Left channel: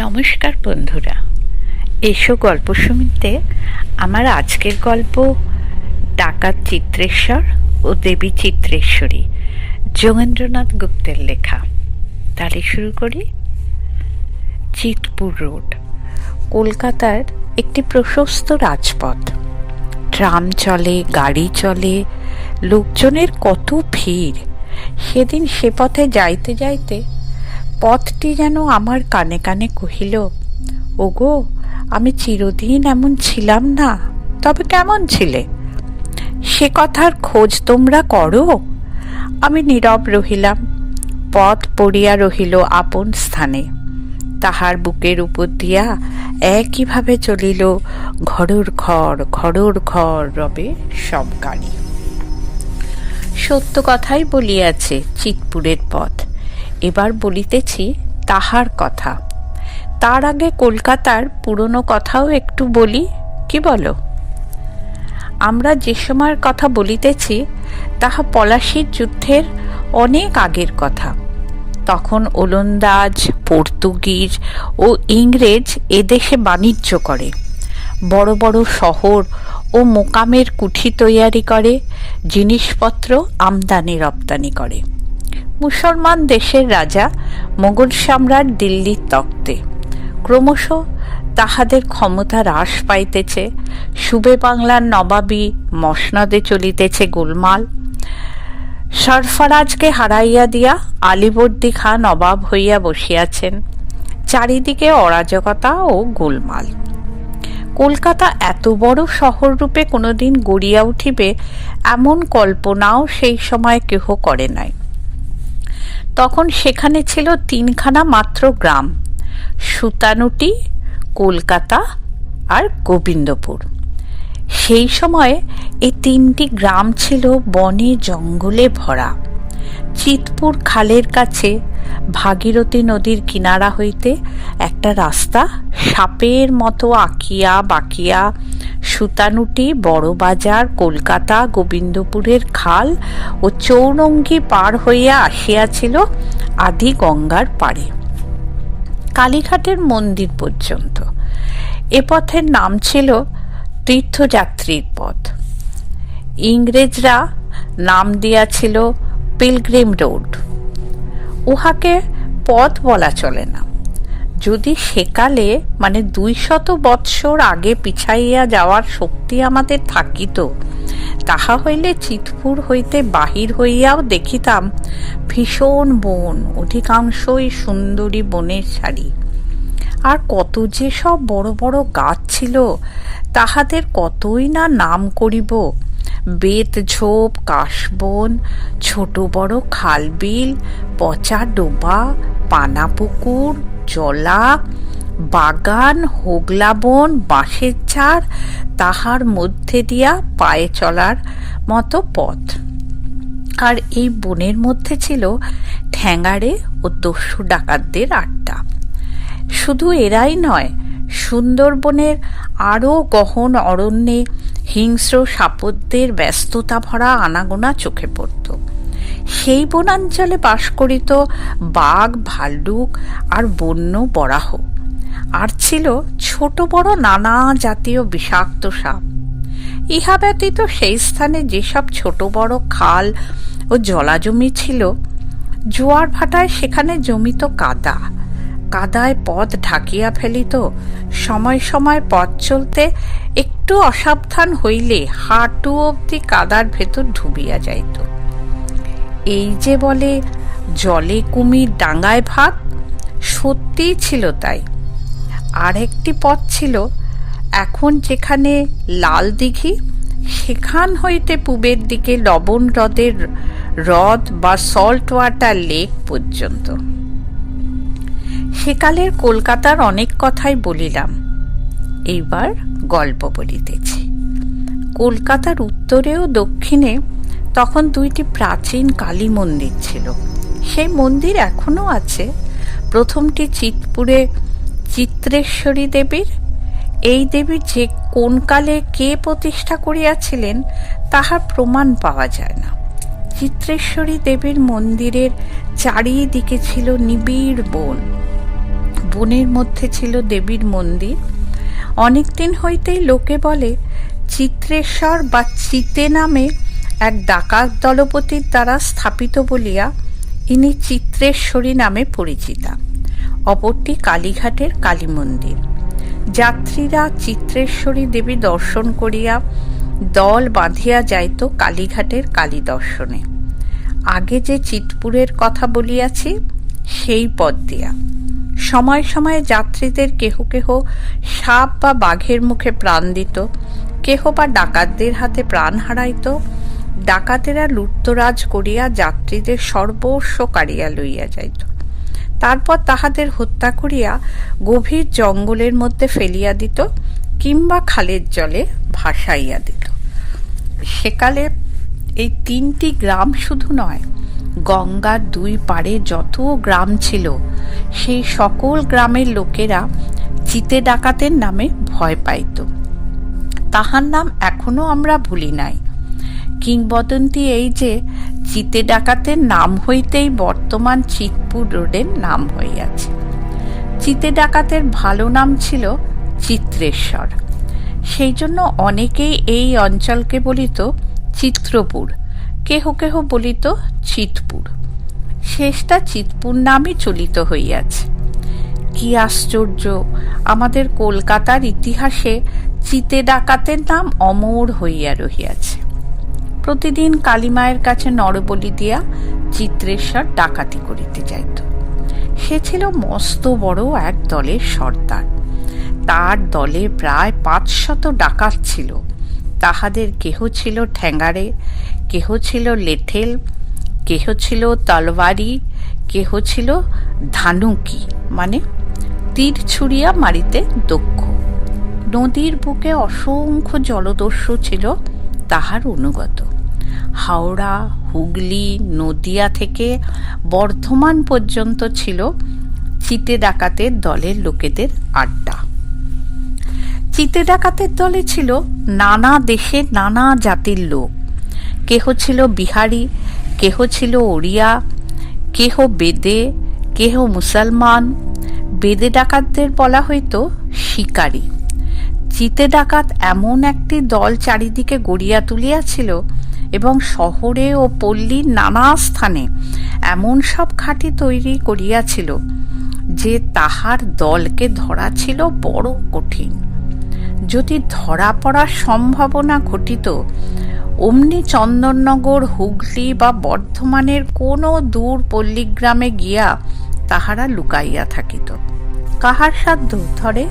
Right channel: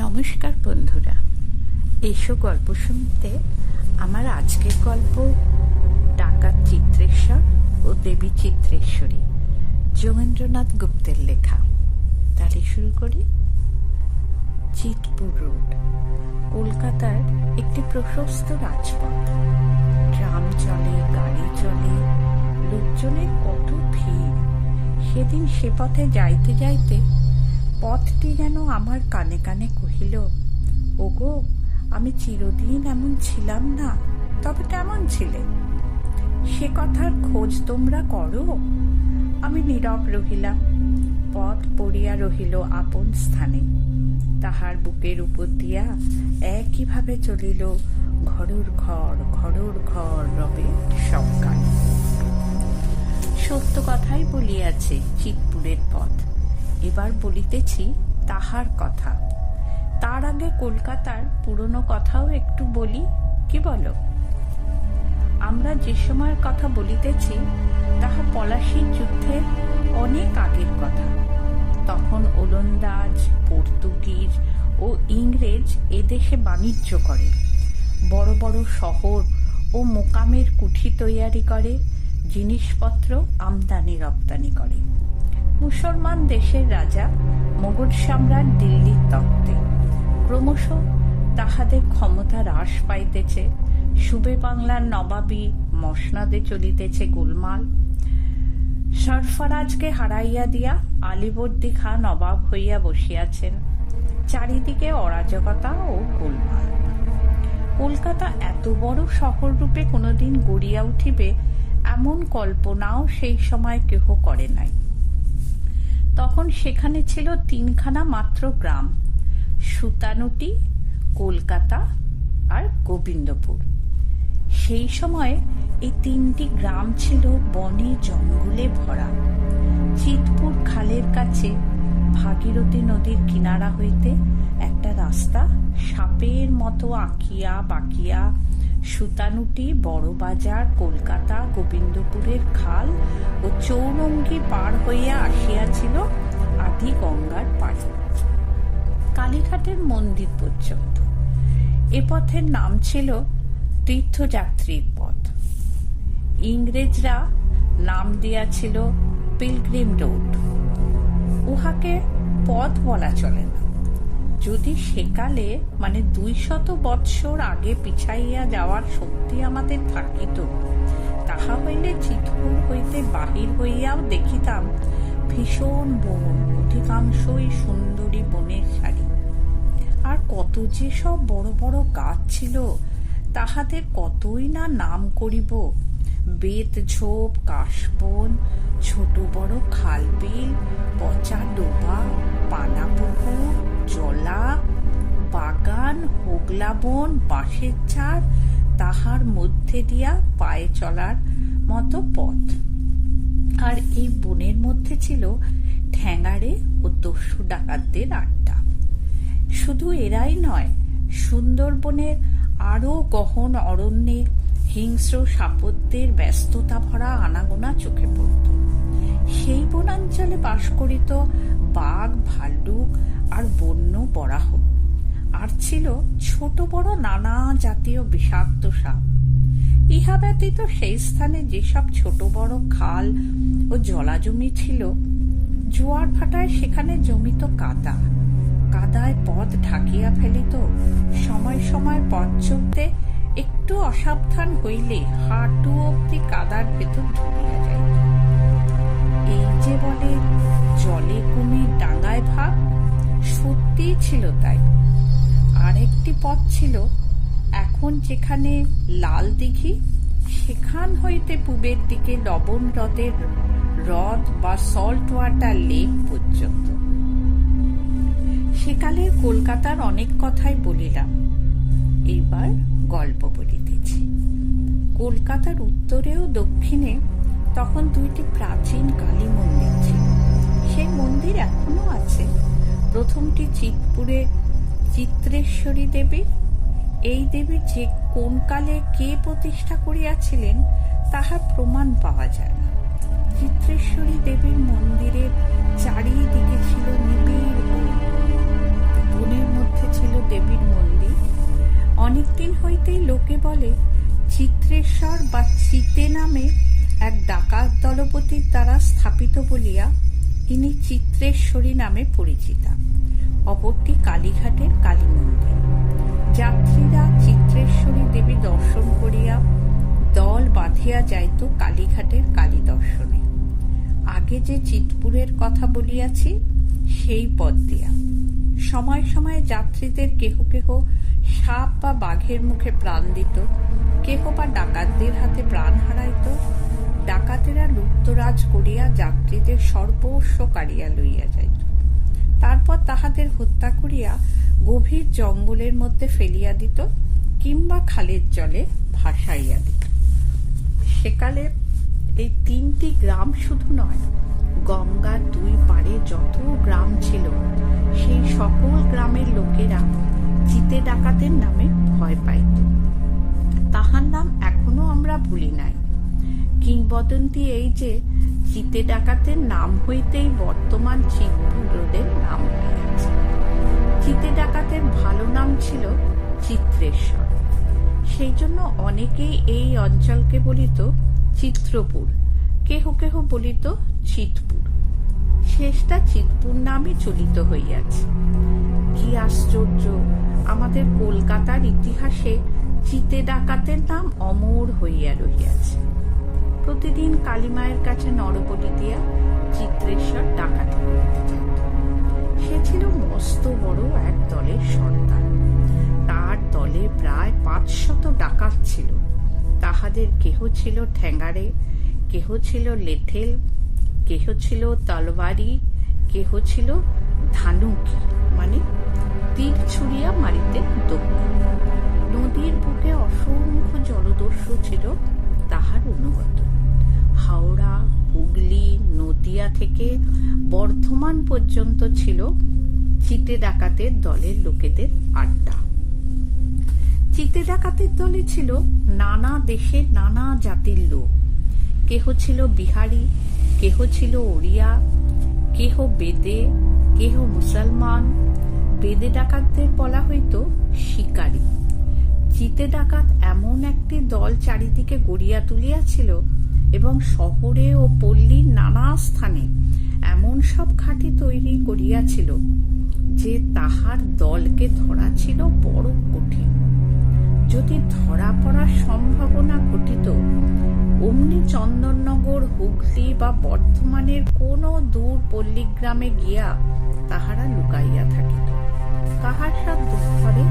নমস্কার বন্ধুরা, এসো গল্প শুনতে। আমার আজকের গল্প ডাকাত চিত্রেশ্বর ও দেবী চিত্রেশ্বরী, যোগেন্দ্রনাথ গুপ্তের লেখা। তাহলে শুরু করি। চিতপুর রোড কলকাতার একটি প্রশস্ত রাজপথ। ট্রাম চলে, গাড়ি চলে, লোকজনের কত ভিড়। সেদিন সে পথে যাইতে যাইতে পথটি যেন আমার কানে কানে কহিল, ওগো, আমি চিরদিন এমন ছিলাম না, তবে কেমন ছিলে? সে কথার খোঁজ তোমরা করো। আমি নীরব রহিলাম। পথ পড়িয়া রহিল আপন স্থানে। তাহার বুকের উপর দিয়া একইভাবে চলিল ঘরোর ঘর রবে সব গাড়ি। সত্য কথাই বলিয়াছে চিতপুরের পথ। এবার বলিতেছি তাহার কথা। তার আগে কলকাতার পুরনো কথাও একটু বলি, কি বলো? আমরা যে সময়ের কথা বলিতেছি তাহা পলাশীর যুদ্ধের অনেক আগের কথা। তখন ওলন্দাজ, পর্তুগিজ ও ইংরেজ এদেশে বাণিজ্য করে, বড় বড় শহর ও মোকামের কুঠি তৈয়ারি করে, জিনিসপত্র আমদানি রপ্তানি করে। মুসলমান দেশের রাজা মোগল সম্রাট দিল্লির তখ্তে। ক্রমশ তাহাদের ক্ষমতা হ্রাস পাইতেছে। সুবে বাংলার নবাবী মসনদে চলিতেছে গোলমাল। সরফরাজকে হারাইয়া দিয়া আলীবর্দী খাঁ নবাব হইয়া বসিয়াছেন। চারিদিকে অরাজকতা ও গোলমাল। কলকাতা এত বড় শহর রূপে কোনোদিন গড়িয়া উঠিবে এমন কল্পনাও সেই সময় কেহ করে নাই। তখন সেখানে ছিল তিনখানা মাত্র গ্রাম: সুতানুটি, কলকাতা আর গোবিন্দপুর। সেই সময়ে এই তিনটি গ্রাম ছিল বনে জঙ্গলে ভরা। চিতপুর খালের কাছে ভাগীরথী নদীর কিনারা হইতে একটা রাস্তা সাপের মতো আঁকিয়া বাঁকিয়া সুতানুটি, বড়বাজার, কলকাতা, গোবিন্দপুরের খাল ও চৌরঙ্গি পার হইয়া আসিয়াছিল আদি গঙ্গার পাড়ে, কালীঘাটের মন্দির পর্যন্ত। এ পথের নাম ছিল তীর্থযাত্রীর পথ। ইংরেজরা নাম দিয়াছিল পিলগ্রিম রোড। উহাকে পথ বলা চলে না। যদি সেকালে, মানে 200 বৎসর আগে পিছাইয়া যাওয়ার শক্তি আমাদের থাকিত, তাহা হইলে চিতপুর হইতে বাহির হইয়াও দেখিতাম ভীষণ বন, অধিকাংশই সুন্দরী বনের সারি। আর কত যে সব বড় বড় গাছ ছিল, তাহাদের কতই না নাম করিব। বেত ঝোপ, কাশবন, ছোট বড় খালবিল, পচা ডোবা, পানা পুকুর, জলা, বাগান, হোগলা বন, বাঁশের ঝাড়, তাহার মধ্যে দিয়া পায়ে চলার মতো পথ। আর এই বনের মধ্যে ছিল ঠ্যাঙাড়ে ও দস্যু ডাকাতদের আড্ডা। শুধু এরাই নয়, সুন্দরবনের আরও গহন অরণ্যে হিংস্র সাপদের ব্যস্ততা ভরা আনাগোনা চোখে পড়ত। সেই বনাঞ্চলে বাস করিত বাঘ, ভাল্লুক আর বন্য বরাহ। আর ছিল ছোট বড় নানা জাতীয় বিষাক্ত সাপ। ইহা ব্যতীত সেই স্থানে যেসব ছোট বড় খাল ও জলাজমি ছিল, জোয়ার ভাটায় সেখানে জমিত কাদা। কাদায় পথ ঢাকিয়া ফেলিত। সময় সময় পথ চলতে একটু অসাবধান হইলে হাঁটু অবধি কাদার ভেতর ডুবিয়া যাইত। এই যে বলে জলে কুমির ডাঙায় ভাগ, সত্যিই ছিল তাই। আর একটি পথ ছিল এখন যেখানে লাল দিঘি, সেখান হইতে পূবের দিকে লবণ হ্রদের হ্রদ বা সল্ট ওয়াটার লেক পর্যন্ত। সেকালের কলকাতার অনেক কথাই বলিলাম, এইবার গল্প বলিতেছি। কলকাতার উত্তরে ও দক্ষিণে তখন দুইটি প্রাচীন কালী মন্দির ছিল। সেই মন্দির এখনো আছে। প্রথমটি চিতপুরে চিত্রেশ্বরী দেবীর। এই দেবী যে কোন কালে কে প্রতিষ্ঠা করিয়াছিলেন তাহার প্রমাণ পাওয়া যায় না। চিত্রেশ্বরী দেবীর মন্দিরের চারিদিকে ছিল নিবিড় বন। বনের মধ্যে ছিল দেবীর মন্দির। অনেক দিন হইতেই লোকে বলে চিত্রেশ্বর বা চিতে নামে এক ডাকাত দলপতির দ্বারা স্থাপিত বলিয়া ইনি চিত্রেশ্বরী নামে পরিচিতা। অপরটি কালীঘাটের কালী মন্দির। যাত্রীরা চিত্রেশ্বরী দেবী দর্শন করিয়া দল বাঁধিয়া যাইত কালীঘাটের কালী দর্শনে। আগে যে চিতপুরের কথা বলিয়াছি সেই পথ দিয়া সময় সময়ে যাত্রীদের কেহ কেহ সাপ বা বাঘের মুখে প্রাণ দিত, কেহ বা ডাকাতদের হাতে প্রাণ হারাইত। ডাকাতেরা লুটতরাজ করিয়া যাত্রীদের সর্বস্ব কাড়িয়া লইয়া যাইত, তারপর তাহাদের হত্যা করিয়া গভীর জঙ্গলের মধ্যে ফেলিয়া দিত কিংবা খালের জলে ভাসাইয়া দিত। সেকালে এই 3টি গ্রাম শুধু নয়, গঙ্গার 2 পাড়ে যত গ্রাম ছিল সেই সকল গ্রামের লোকেরা চিতে ডাকাতের নামে ভয় পাইত। তাহার নাম এখনো আমরা ভুলি নাই। কিংবদন্তি এই যে চিতে ডাকাতের নাম হইতেই বর্তমান চিতপুর রোডের নাম হইয়াছে। চিতে ডাকাতের ভালো নাম ছিল চিত্রেশ্বর। সেই জন্য অনেকেই এই অঞ্চলকে বলিত চিত্রপুর, কেহ কেহ বলিত চিতপুর। শেষটা চিতপুর নামই চলিত হইয়াছে। কি আশ্চর্য, আমাদের কলকাতার ইতিহাসে চিতে ডাকাতের নাম অমর হইয়া রহিয়াছে। প্রতিদিন কালীমায়ের কাছে নরবলি দিয়া চিত্রেশ্বর ডাকাতি করিতে যাইত। সে ছিল মস্ত বড় এক দলের সর্দার। তার দলে প্রায় 500 ডাকাত ছিল। তাহাদের কেহ ছিল ঠ্যাঙ্গারে, কেহ ছিল লেঠেল, কেহ ছিল তলবারি, কেহ ছিল ধানুকি মানে তীর ছুড়িয়া মারিতে দক্ষ। নদীর বুকে অসংখ্য জলদস্যু ছিল তাহার অনুগত। হাওড়া, হুগলি, নদিয়া থেকে বর্ধমান পর্যন্ত ছিল চিতে ডাকাতের দলের লোকেদের আড্ডা। চিতে ডাকাতের দলে ছিল নানা দেশের নানা জাতির লোক। কেহ ছিল বিহারি, কেহ ছিল ওড়িয়া, কেহ বেদে, কেহ মুসলমান। বেদে ডাকাতদের বলা হইত শিকারী। চিতে ডাকাত এমন একটি দল চারিদিকে গড়িয়া তুলিয়াছিল এবং শহরে ও পল্লীর নানা স্থানে এমন সব ঘাঁটি তৈরি করিয়াছিল যে তাহার দলকে ধরা ছিল বড় কঠিন। যদি ধরা পড়ার সম্ভাবনা ঘটিত, অমনি চন্দননগর, হুগলি বা বর্ধমানের কোনো দূর পল্লীগ্রামে গিয়া তাহারা লুকাইয়া থাকিত। কাহার সাধ্য ধরে?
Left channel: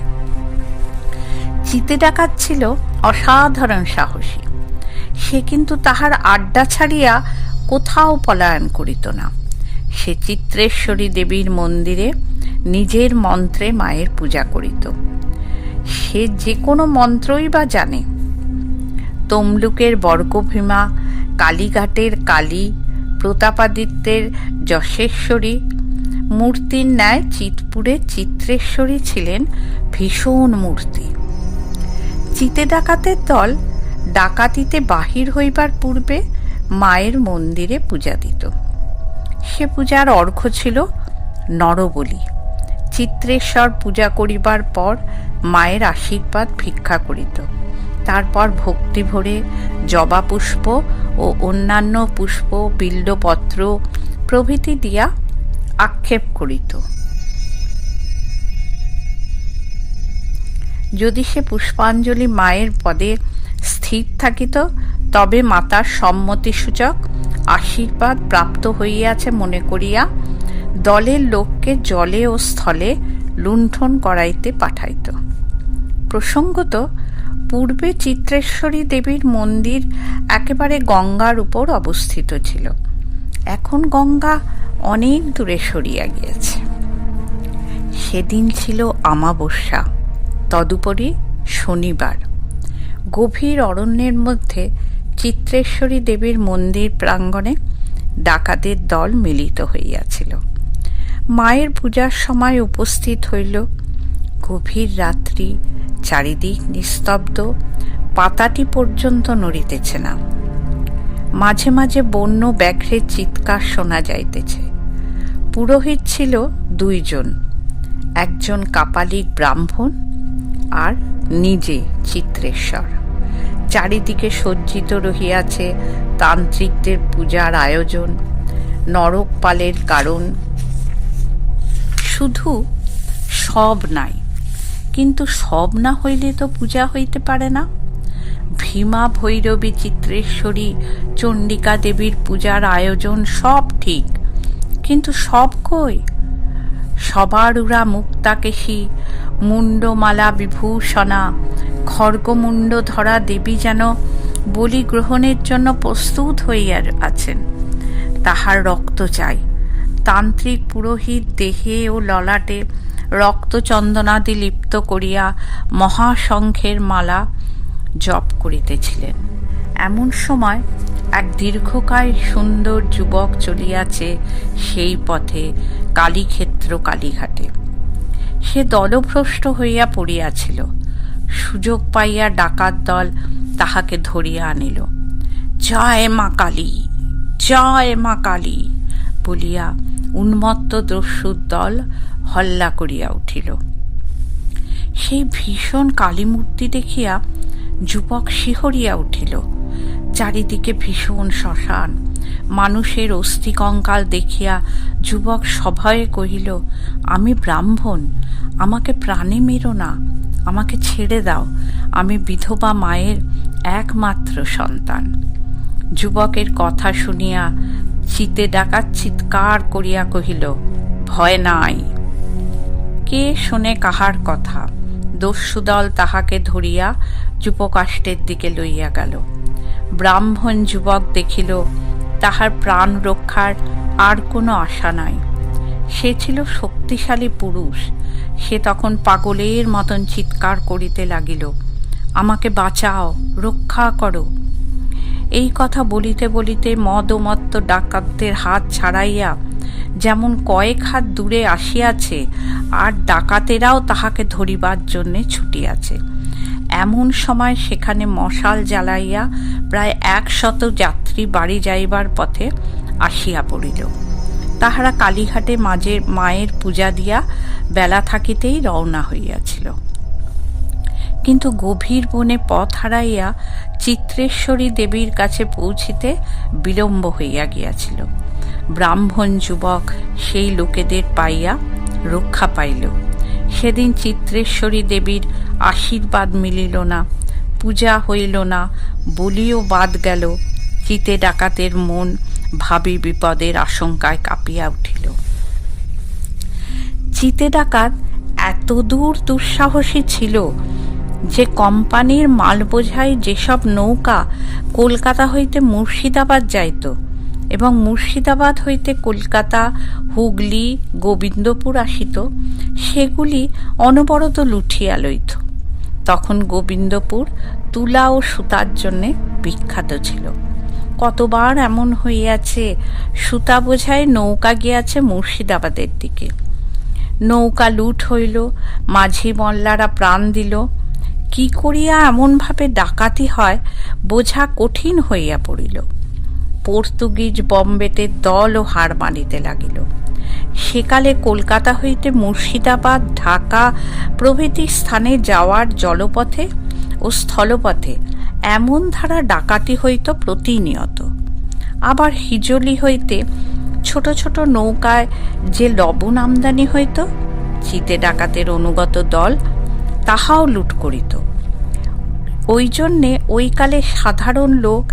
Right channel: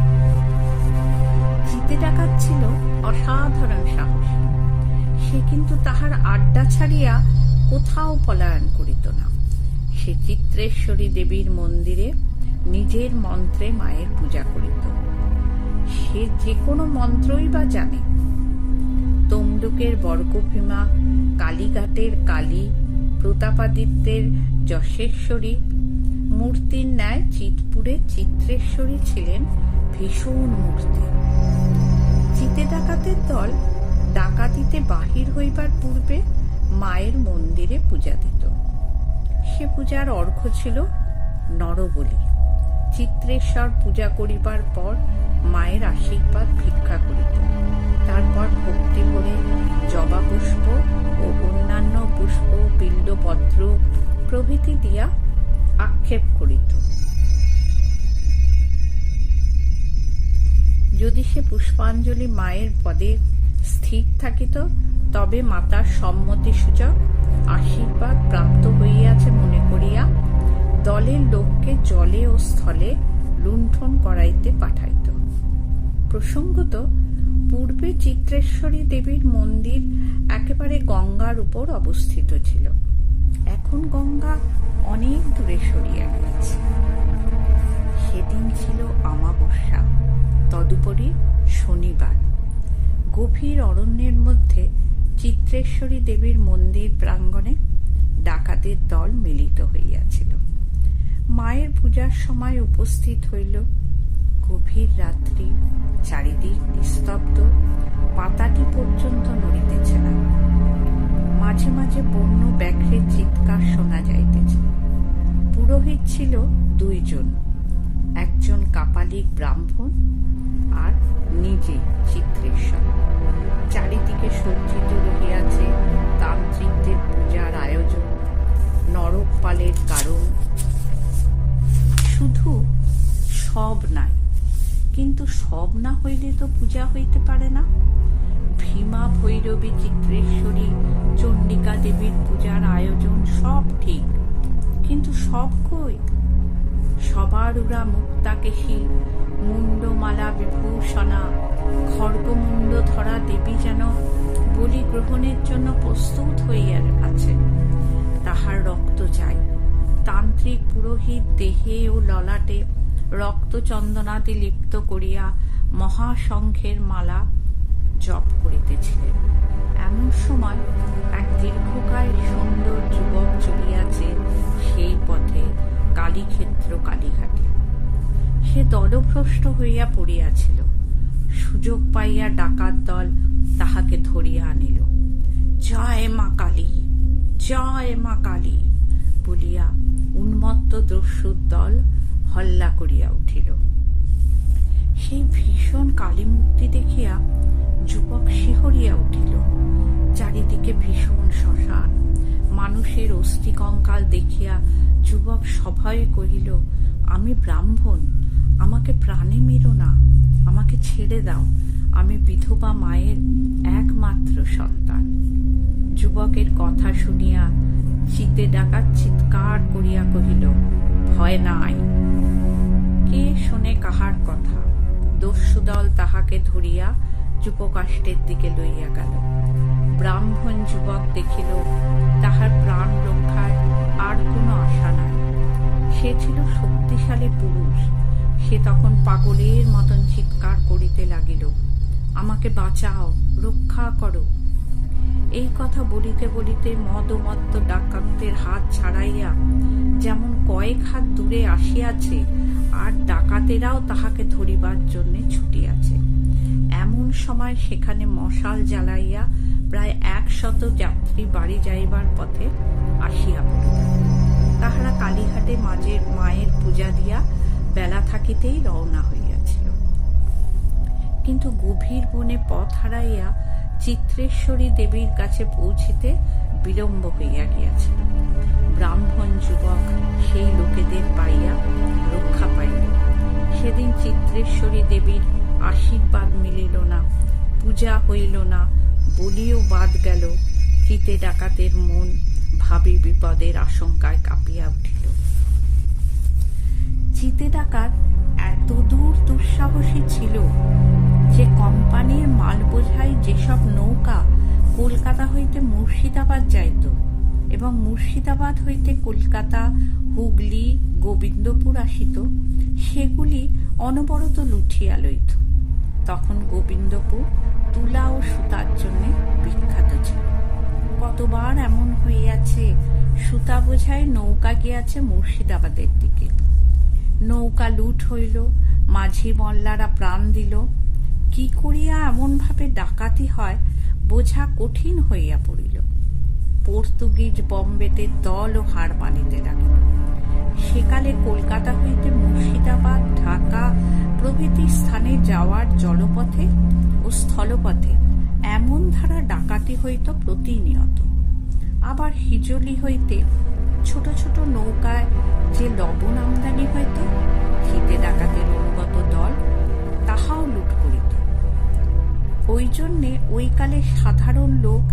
চিতে ডাকাত ছিল অসাধারণ সাহসী। সে কিন্তু তাহার আড্ডা ছাড়িয়া কোথাও পলায়ন করিত না। সে চিত্রেশ্বরী দেবীর মন্দিরে নিজের মন্ত্রে মায়ের পূজা করিত। সে যে কোনো মন্ত্রই বা জানে। তমলুকের বর্গভীমা, কালীঘাটের কালী, প্রতাপাদিত্যের যশেশ্বরী মূর্তির ন্যায় চিতপুরের চিত্রেশ্বরী ছিলেন ভীষণ মূর্তি। চিতে ডাকাতের দল ডাকাতিতে বাহির হইবার পূর্বে মায়ের মন্দিরে পূজা দিত। সে পূজার অর্ঘ্য ছিল নরবলি। চিত্রেশ্বর পূজা করিবার পর মায়ের আশীর্বাদ ভিক্ষা করিত। তারপর ভক্তি ভরে জবা পুষ্প ও অন্যান্য পুষ্প, বিল্বপত্র প্রভৃতি দিয়া আক্ষেপ করিত। যদি সে পুষ্পাঞ্জলি মায়ের পদে স্থির থাকিত, তবে মাতার সম্মতিসূচক আশীর্বাদ প্রাপ্ত হইয়াছে মনে করিয়া দলের লোককে জলে ও স্থলে লুণ্ঠন করাইতে পাঠাইত। প্রসঙ্গত, পূর্বে চিত্রেশ্বরী দেবীর মন্দির একেবারে গঙ্গার উপর অবস্থিত ছিল। এখন গঙ্গা অনেক দূরে সরিয়া গিয়েছে। সেদিন ছিল আমাবস্যা, তদুপরি শনিবার। গভীর অরণ্যের মধ্যে চিত্রেশ্বরী দেবীর মন্দির প্রাঙ্গণে ডাকাতের দল মিলিত হইয়াছিল। মায়ের পূজার সময় উপস্থিত হইল। গভীর রাত্রি, চারিদিক নিস্তব্ধ, পাতাটি পর্যন্ত নড়িতেছে না। মাঝে মাঝে বন্য ব্যাঘ্রের চিৎকার শোনা যাইতেছে। পুরোহিত ছিল 2 জন। একজন কাপালিক ব্রাহ্মণ আর নিজে চিত্রেশ্বর। চারিদিকে সজ্জিত রহিয়াছে তান্ত্রিকদের পূজার আয়োজন, নরকপালের কারণ। শুধু সব নাই, কিন্তু সব না হইলে তো পূজা হইতে পারে না। ভীমা, ভৈরবী, চিত্রেশ্বরী, চণ্ডিকা দেবীর পূজার আয়োজন সব ঠিক, কিন্তু সব কই? সবার উড়া মুক্তাকেশী, মুন্ডমালা বিভূষণা, খড়গমুণ্ড ধরা দেবী যেন বলি গ্রহণের জন্য প্রস্তুত হইয়া আছেন। তাহার রক্ত চাই। তান্ত্রিক পুরোহিত দেহে ও ললাটে রক্ত চন্দনাদি লিপ্ত করিয়া মহাশঙ্খের মালা জপ করিতেছিলেন। এমন সময় এক দীর্ঘকায় সুন্দর যুবক চলিয়াছে সেই পথে কালীক্ষেত্র কালীঘাটে। সে দলভ্রষ্ট হইয়া পড়িয়াছিল। সুযোগ পাইয়া ডাকাত দল তাহাকে ধরিয়া আনিল। জয় মা কালী, জয় মা কালী বলিয়া উন্মত্ত দস্যুর দল হল্লা করিয়া উঠিল। সেই ভীষণ কালীমূর্তি দেখিয়া যুবক শিহরিয়া উঠিল। চারিদিকে ভীষণ শ্মশান, মানুষের অস্থি কঙ্কাল দেখিয়া যুবক সভয়ে কহিল, আমি ব্রাহ্মণ, আমাকে প্রাণে মেরো না, আমাকে ছেড়ে দাও, আমি বিধবা মায়ের একমাত্র সন্তান। যুবকের কথা শুনিয়া চিতে ডাকাত চিৎকার করিয়া কহিল, ভয় নাই। কে শোনে কাহার কথা? দস্যুদল তাহাকে ধরিয়া যুবকাষ্টের দিকে লইয়া গেল। ব্রাহ্মণ যুবক দেখিল তাহার প্রাণ রক্ষার আর কোনো আশা নাই। সে ছিল শক্তিশালী পুরুষ। সে তখন পাগলের মতন চিৎকার করিতে লাগিল, আমাকে বাঁচাও, রক্ষা করো। এই কথা বলিতে বলিতে মদমত্ত ডাকাতদের হাত ছাড়াইয়া যেমন কয়েক হাত দূরে আসিয়াছে, আর ডাকাতেরাও তাহাকে ধরিবার জন্যে ছুটিয়াছে। এমন সময় সেখানে মশাল জ্বালাইয়া প্রায় 100 যাত্রী বাড়ি যাইবার পথে আসিয়া পড়িল। তাহারা কালীঘাটে মায়ের পূজা দিয়া বেলা থাকিতেই রওনা হইয়াছিল। কিন্তু গভীর বনে পথ হারাইয়া চিত্রেশ্বরী দেবীর কাছে পৌঁছিতে বিলম্ব হইয়া গিয়াছিল। ব্রাহ্মণ যুবক সেই লোকেদের পাইয়া রক্ষা পাইল। সেদিন চিত্রেশ্বরী দেবীর আশীর্বাদ মিলিল না, পূজা হইল না, বলিও বাদ গেল। চিতে ডাকাতের মন ভাবি বিপদের আশঙ্কায় কাঁপিয়া উঠিল। চিতে ডাকাত এত দূর দুঃসাহসী ছিল যে কোম্পানির মাল বোঝাই যেসব নৌকা কলকাতা হইতে মুর্শিদাবাদ যাইত এবং মুর্শিদাবাদ হইতে কলকাতা, হুগলি, গোবিন্দপুর আসিত, সেগুলি অনবরত লুঠিয়া লইত। তখন গোবিন্দপুর তুলা ও সুতার জন্যে বিখ্যাত ছিল। কতবার এমন হইয়াছে, সুতা বোঝাই নৌকা গিয়াছে মুর্শিদাবাদের দিকে। নৌকা লুট হইল, মাঝি মল্লারা প্রাণ দিল। কি করিয়া এমনভাবে ডাকাতি হয় বোঝা কঠিন হইয়া পড়িল। পর্তুগিজ বম্বেটের দলও হার মানিতে লাগিল। সেকালে কলকাতা হইতে মুর্শিদাবাদ, ঢাকা প্রভৃতি স্থানে যাওয়ার জলপথে ও স্থলপথে এমন ধারা ডাকাতি হইত প্রতিনিয়ত। আবার হিজলি হইতে ছোট ছোট নৌকায় যে লবণ আমদানি হইত, চিতে ডাকাতের অনুগত দল তাহাও লুট করিত। ওই জন্যে ওই কালে সাধারণ লোক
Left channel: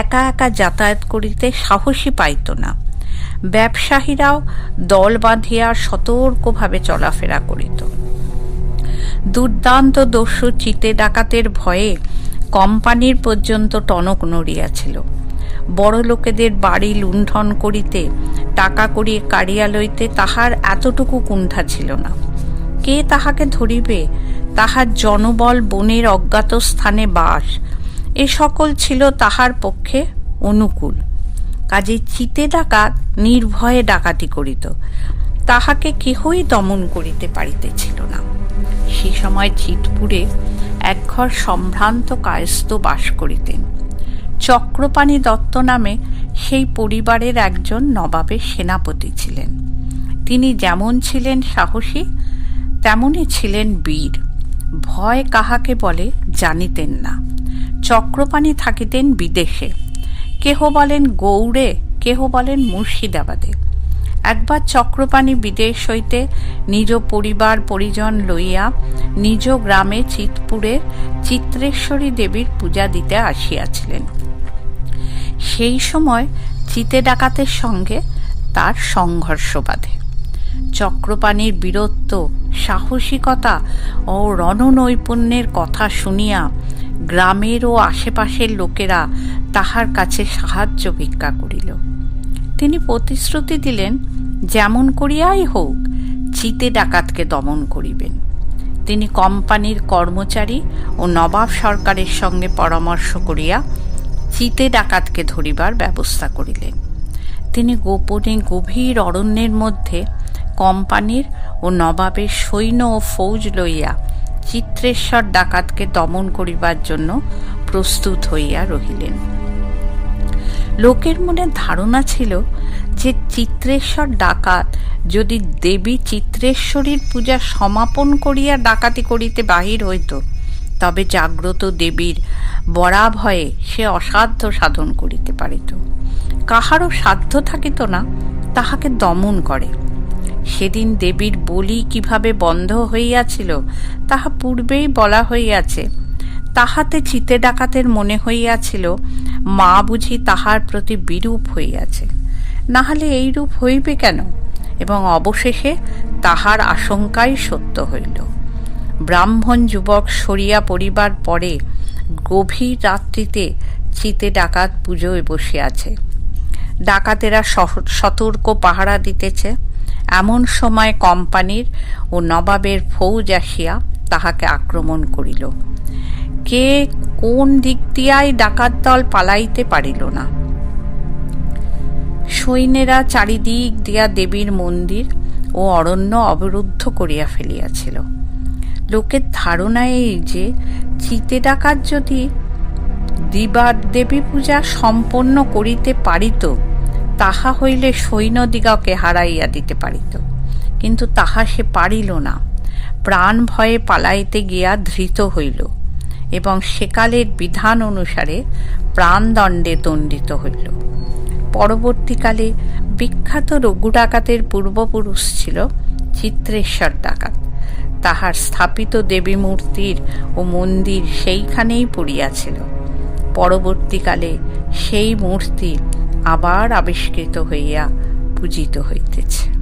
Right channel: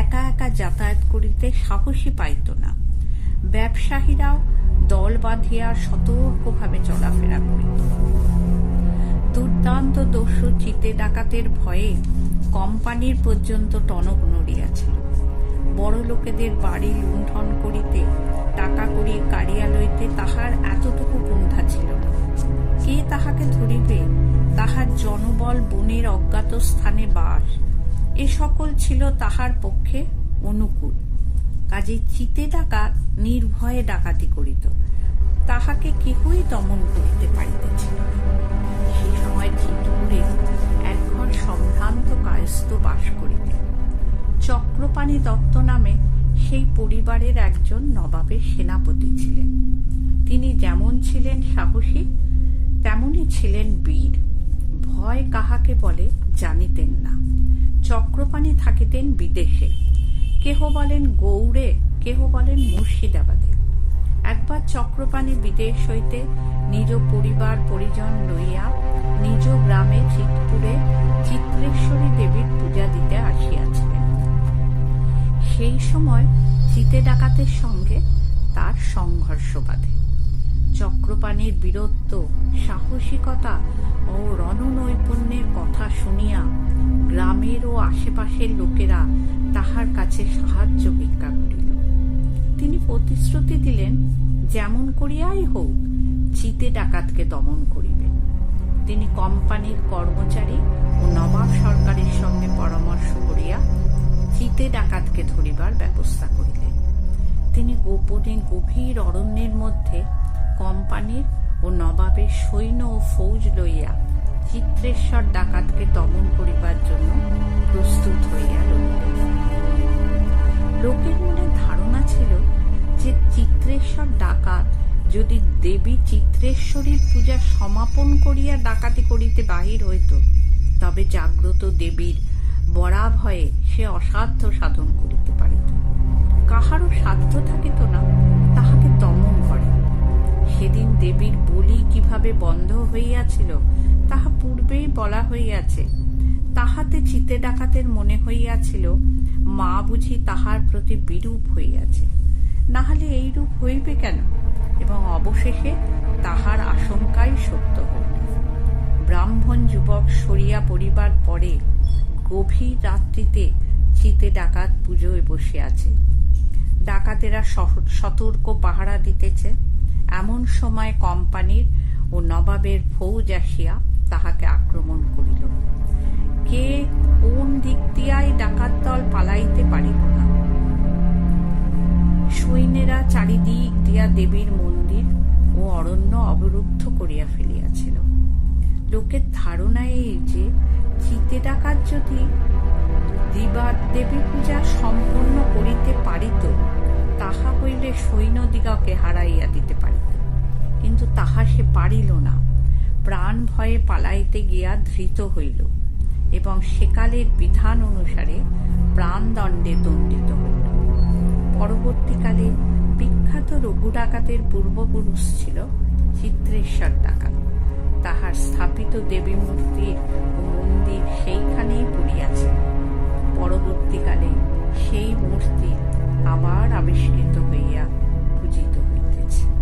একা একা যাতায়াত করিতে সাহসী পাইত না। ব্যবসায়ীরাও দল বাঁধিয়া সতর্কভাবে চলাফেরা করিত। দুর্দান্ত দস্যু চিতে ডাকাতের ভয়ে কোম্পানির পর্যন্ত টনক নড়িয়াছিল। বড় লোকেদের বাড়ি লুণ্ঠন করিতে, টাকা কড়ি কাড়িয়া লইতে তাহার এতটুকু কুণ্ঠা ছিল না। কে তাহাকে ধরিবে? তাহার জনবল, বনের অজ্ঞাত স্থানে বাস, এ সকল ছিল তাহার পক্ষে অনুকূল। কাজে চিতে ডাকাত নির্ভয়ে ডাকাতি করিত। তাহাকে কেহই দমন করিতে পারিতেছিল না। সে সময় চিতপুরে একঘর সম্ভ্রান্ত কায়স্থ বাস করিতেন। চক্রপাণি দত্ত নামে সেই পরিবারের একজন নবাবের সেনাপতি ছিলেন। তিনি যেমন ছিলেন সাহসী, তেমনি ছিলেন বীর। ভয় কাহাকে বলে জানিতেন না। চক্রপাণি থাকিতেন বিদেশে, কেহ বলেন গৌড়ে, কেহ বলেন মুর্শিদাবাদে। একবার চক্রপাণি বিদেশ হইতে নিজ পরিবার পরিজন লইয়া নিজ গ্রামে চিতপুরের চিত্রেশ্বরী দেবীর পূজা দিতে আসিয়াছিলেন। সেই সময় চিতে ডাকাতের সঙ্গে তার সংঘর্ষ বাধে। চক্রপাণির বীরত্ব, সাহসিকতা ও রণনৈপুণ্যের কথা শুনিয়া গ্রামের ও আশেপাশের লোকেরা তাহার কাছে সাহায্য ভিক্ষা করিল। তিনি প্রতিশ্রুতি দিলেন যেমন করিয়াই হোক চিতে ডাকাতকে দমন করিবেন। তিনি কোম্পানির কর্মচারী ও নবাব সরকারের সঙ্গে পরামর্শ করিয়া চিতে ডাকাতকে ধরিবার ব্যবস্থা করিলেন। তিনি গোপনে গভীর অরণ্যের মধ্যে কোম্পানির ও নবাবের সৈন্য ও ফৌজ লইয়া চিত্রেশ্বর ডাকাতকে দমন করিবার জন্য প্রস্তুত হইয়া রহিলেন। লোকের মনে ধারণা ছিল যে চিত্রেশ্বর ডাকাত যদি দেবী চিত্রেশ্বরীর পূজা সমাপন করিয়া ডাকাতি করিতে বাহির হইত, তবে জাগ্রত দেবীর বরাভয়ে সে অসাধ্য সাধন করিতে পারিত। কাহারও সাধ্য থাকিত না তাহাকে দমন করে। সেদিন দেবীর বলি কিভাবে বন্ধ হইয়াছিল তাহা পূর্বেই বলা হইয়াছে। তাহাতে চিতে ডাকাতের মনে হইয়াছিল মা বুঝি তাহার প্রতি বিরূপ হইয়াছে, না হলে এইরূপ হইবে কেন? এবং অবশেষে তাহার আশঙ্কাই সত্য হইল। ব্রাহ্মণ যুবক সরিয়া পড়িবার পরে গভীর রাত্রিতে চিতে ডাকাত পুজোয় বসিয়াছে। ডাকাতেরা সতর্ক পাহারা দিতেছে। এমন সময় কোম্পানির ও নবাবের ফৌজ আসিয়া তাহাকে আক্রমণ করিল। কে কোন দিক দিয়াই ডাকাত দল পালাইতে পারিল না। সৈন্যেরা চারিদিক দিয়া দেবীর মন্দির ও অরণ্য অবরুদ্ধ করিয়া ফেলিয়াছিল। লোকের ধারণা এই যে চিতে ডাকাত যদি দেবী পূজা সম্পন্ন করিতে পারিত, তাহা হইলে সৈন্যদিগকে হারাইয়া দিতে পারিত। কিন্তু তাহা সে পারিল না। প্রাণ ভয়ে পালাইতে গিয়া ধৃত হইল এবং সেকালের বিধান অনুসারে প্রাণদণ্ডে দণ্ডিত হইল। পরবর্তীকালে বিখ্যাত রঘু ডাকাতের পূর্বপুরুষ ছিল চিত্রেশ্বর ডাকাত। তাহার স্থাপিত দেবী মূর্তির ও মন্দির সেইখানেই পড়িয়াছিল। পরবর্তীকালে সেই মূর্তি আবার আবিষ্কৃত হইয়া পূজিত হইতেছে।